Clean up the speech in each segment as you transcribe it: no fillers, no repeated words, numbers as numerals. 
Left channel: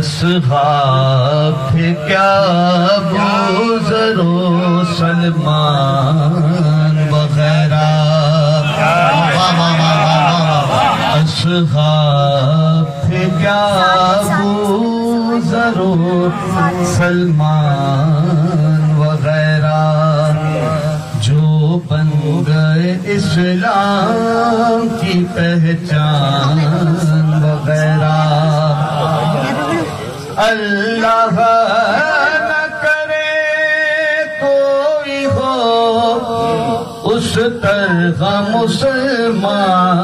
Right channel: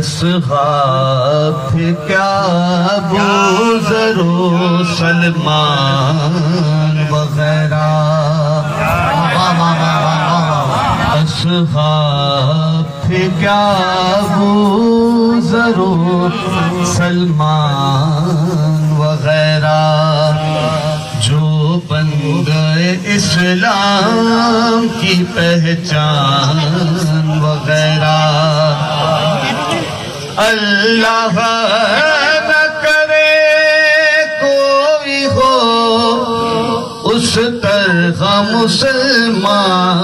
असहाब थे क्या अबू ज़रो सलमान वगैरह, असहाब थे क्या अबू ज़रो सलमान वगैरह, जो बन गए इस्लाम की पहचान वगैरह। अल्लाह न करे कोई हो उस तरह मुसलमान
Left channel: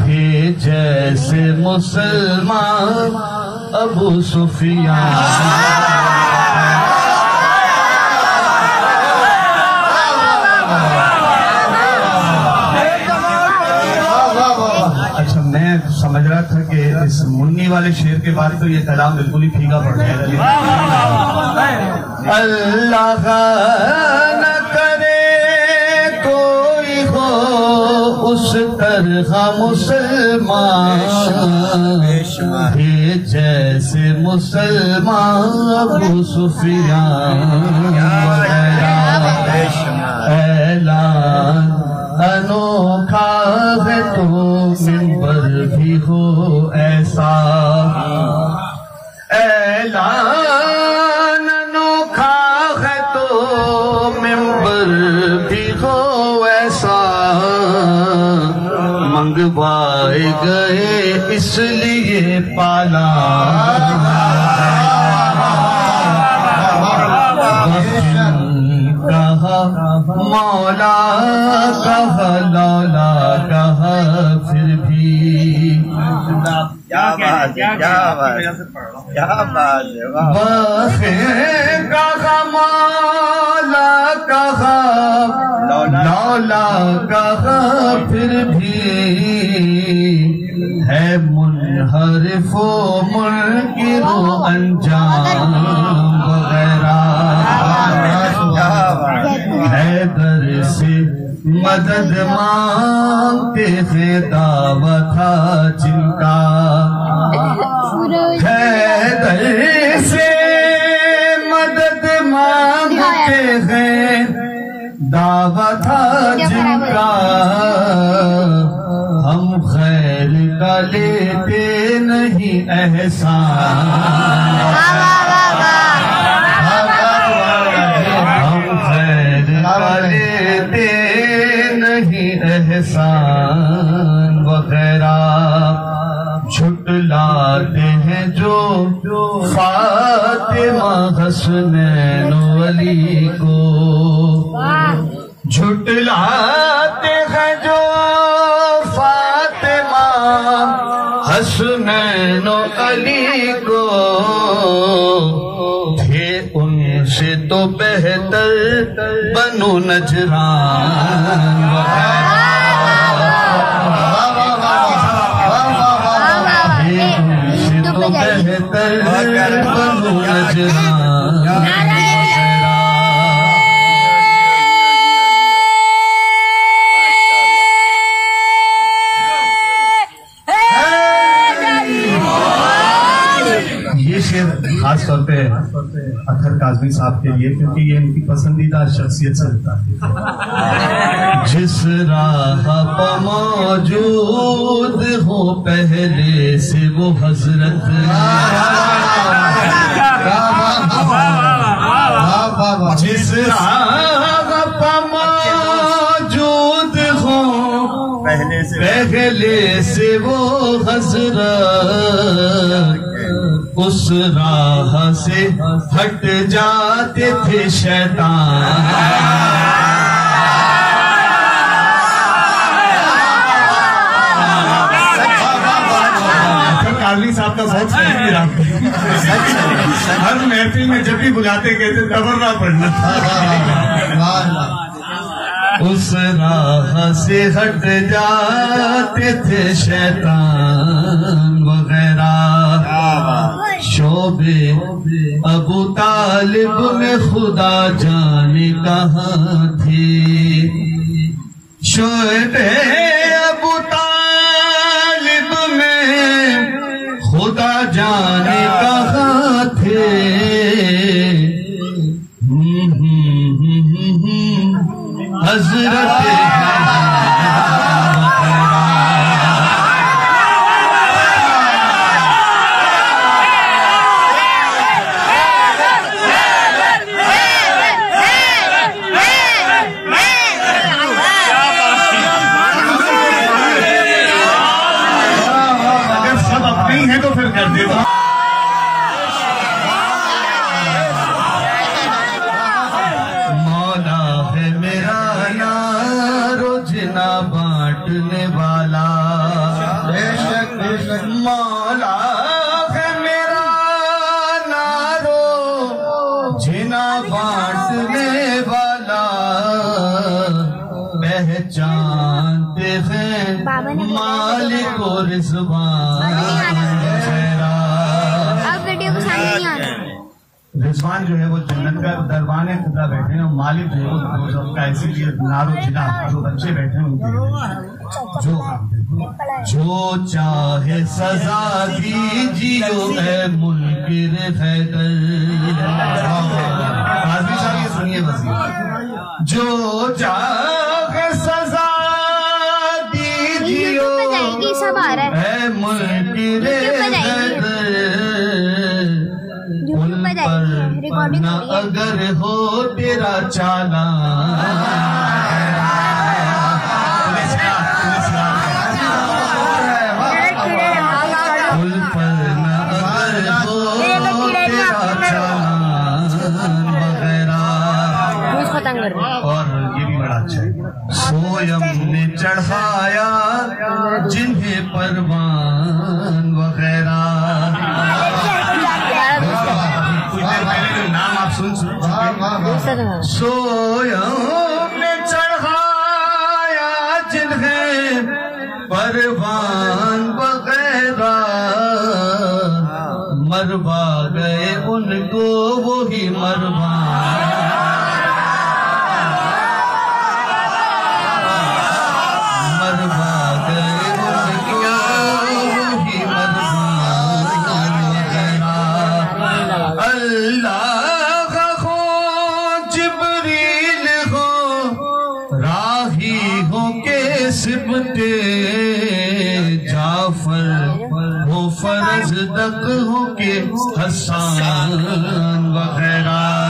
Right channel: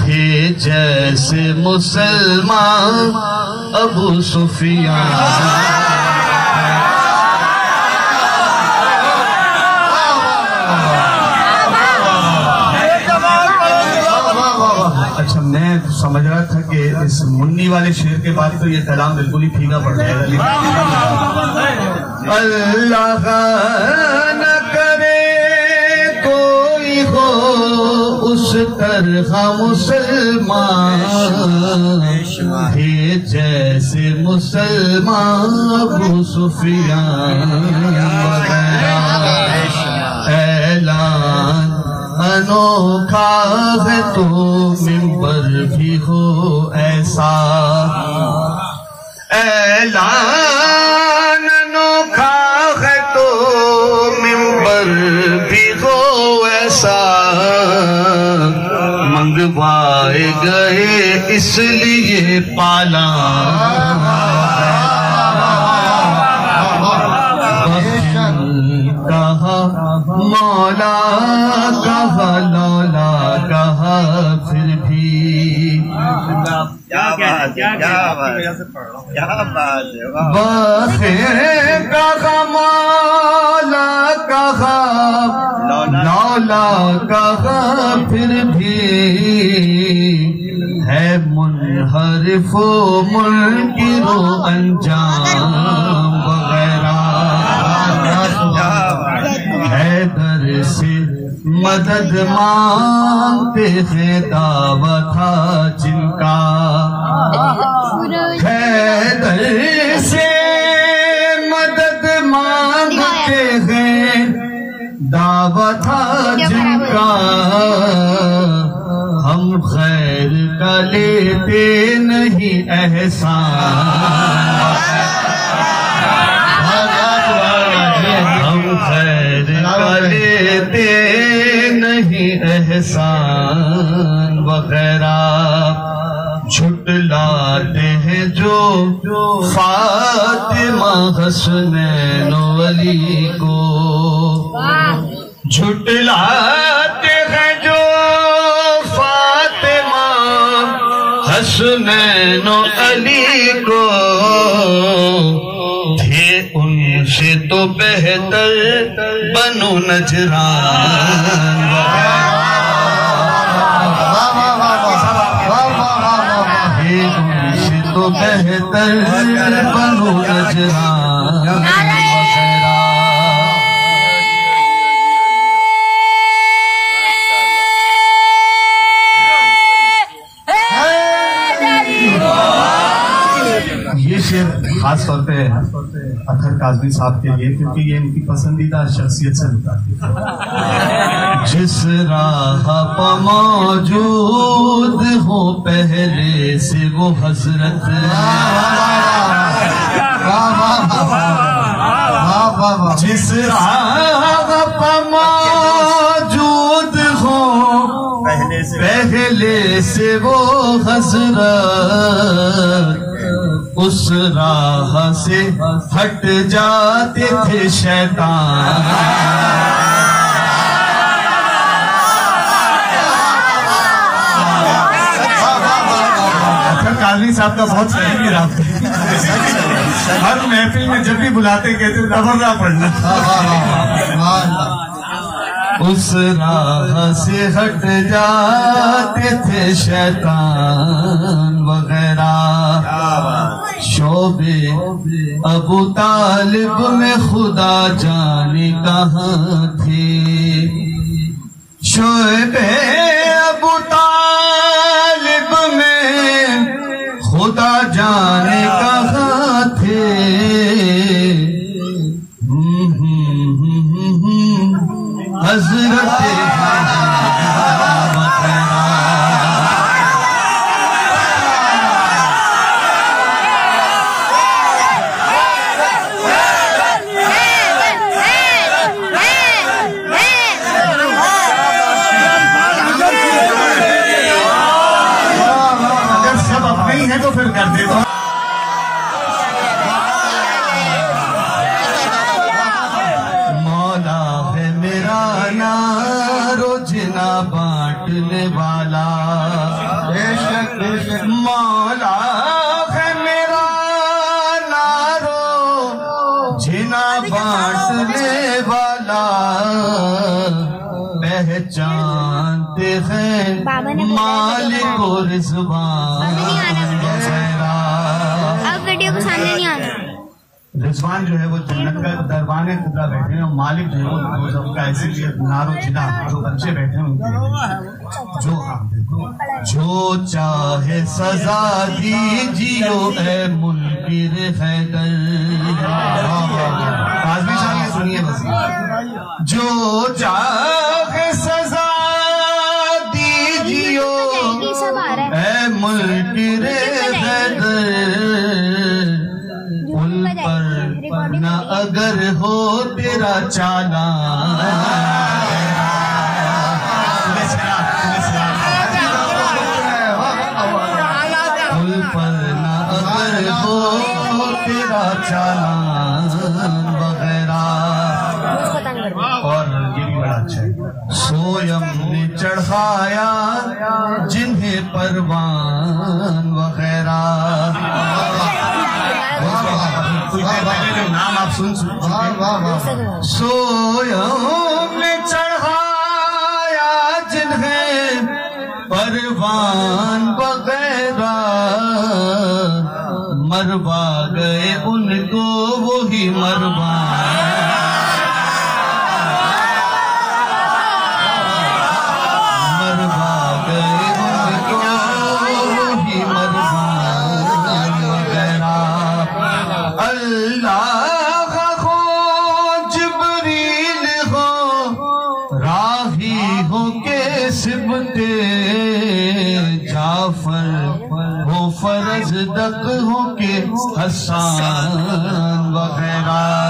थे जैसे मुसलमान अबू सुफियान। अच्छा, मैं समझ रहा था कि इस मुन्नी वाले शेर के बाद तो ये कलाम बिल्कुल ही फीका पड़ जाएगा। अल्लाह न करे कोई हो उस तरह मुसलमान थे जैसे मुसलमान अबू सुफियान वगैरह। ऐलान अनोखा है तो मिंबर भी हो ऐसा, ऐलान अनोखा है तो मिंबर भी हो ऐसा, मंगवाए गए इसलिए पाला। कहा मौला कहा लौला कहा फिर भी, कहा मौला कहा लौला कहा फिर भी, है मुनहरिफो मुनकिरो अंजाम वगैरह। हैदर से मदद मांगते थे दावा था जिनका, हैदर से मदद मांगते हैं दावा था जिनका, हम खैर का लेते नहीं एहसान, लेते नहीं एहसान वगैरह। झुटलाते हैं जो फातिमा हसनैन अली को, झुटलाते हैं जो फातिमा हसनैन अली को, उनसे तो बेहतर बनो नजरान, उनसे तो बेहतर बनो नजरान। ये शेर खास तौर पे अतर काज़मी साहब के लिए, क्योंकि ये इनकी पसंदीदा शख्सियत से मुताबिक है। जिस राह पर मौजूद हो पहले से वो हजरत, जिस राह पर मौजूद हो पहले से वो हजरत, उस राह से हट जाते थे शैतान। अच्छा, काज़मी साहब का बहुत सही रहा। हर महफिल में जब भी बुलाते कहते तबर्रा पढ़ना। उस राह से हट जाते थे शैतान वगैरह। शोबे अबू तालिब में खुदा जाने कहाँ थे, शोबे अबू तालिब में खुदा जाने हजरत है तो फिर कर दे। मौला है मेरा नारो जिना बांटने वाला, मौला है मेरा नारो जिना बांटने वाला, पहचानते हैं मालिक और रिजवान। अब वीडियो को सामने नहीं आना। रिजवान जो है वो जन्नत का दरबाने खुदा बैठे हैं, और मालिक जो है वो सबका इसीलिए नारो जिना जो बच्चे बैठे हैं उनके जो चाहे सजा दीजियो ए मुनकिर हैदर। आजमी साहब ये सुनिए बस, जो चाहे सजा दीजियो ए मुनकिर हैदर, न अगर हो तेरा चालान, उन पर न अगर हो तेरा चालान वगैरह। और ये भी बड़ा अच्छा है, सोयम ने चढ़ाया जिन्हें परवान वगैरह। कुछ देर पहले जो नाम आप सुन चुके, सोयम ने चढ़ाया जिन्हें परवान वगैरह, मरवा गए उनको वही मरवान, मरवा गए उनको वही मरवान वगैरह। अल्लाह हो जिब्रील हो राही हो के सिबते जाफर हो फरज दक हो के हसान वगैरह।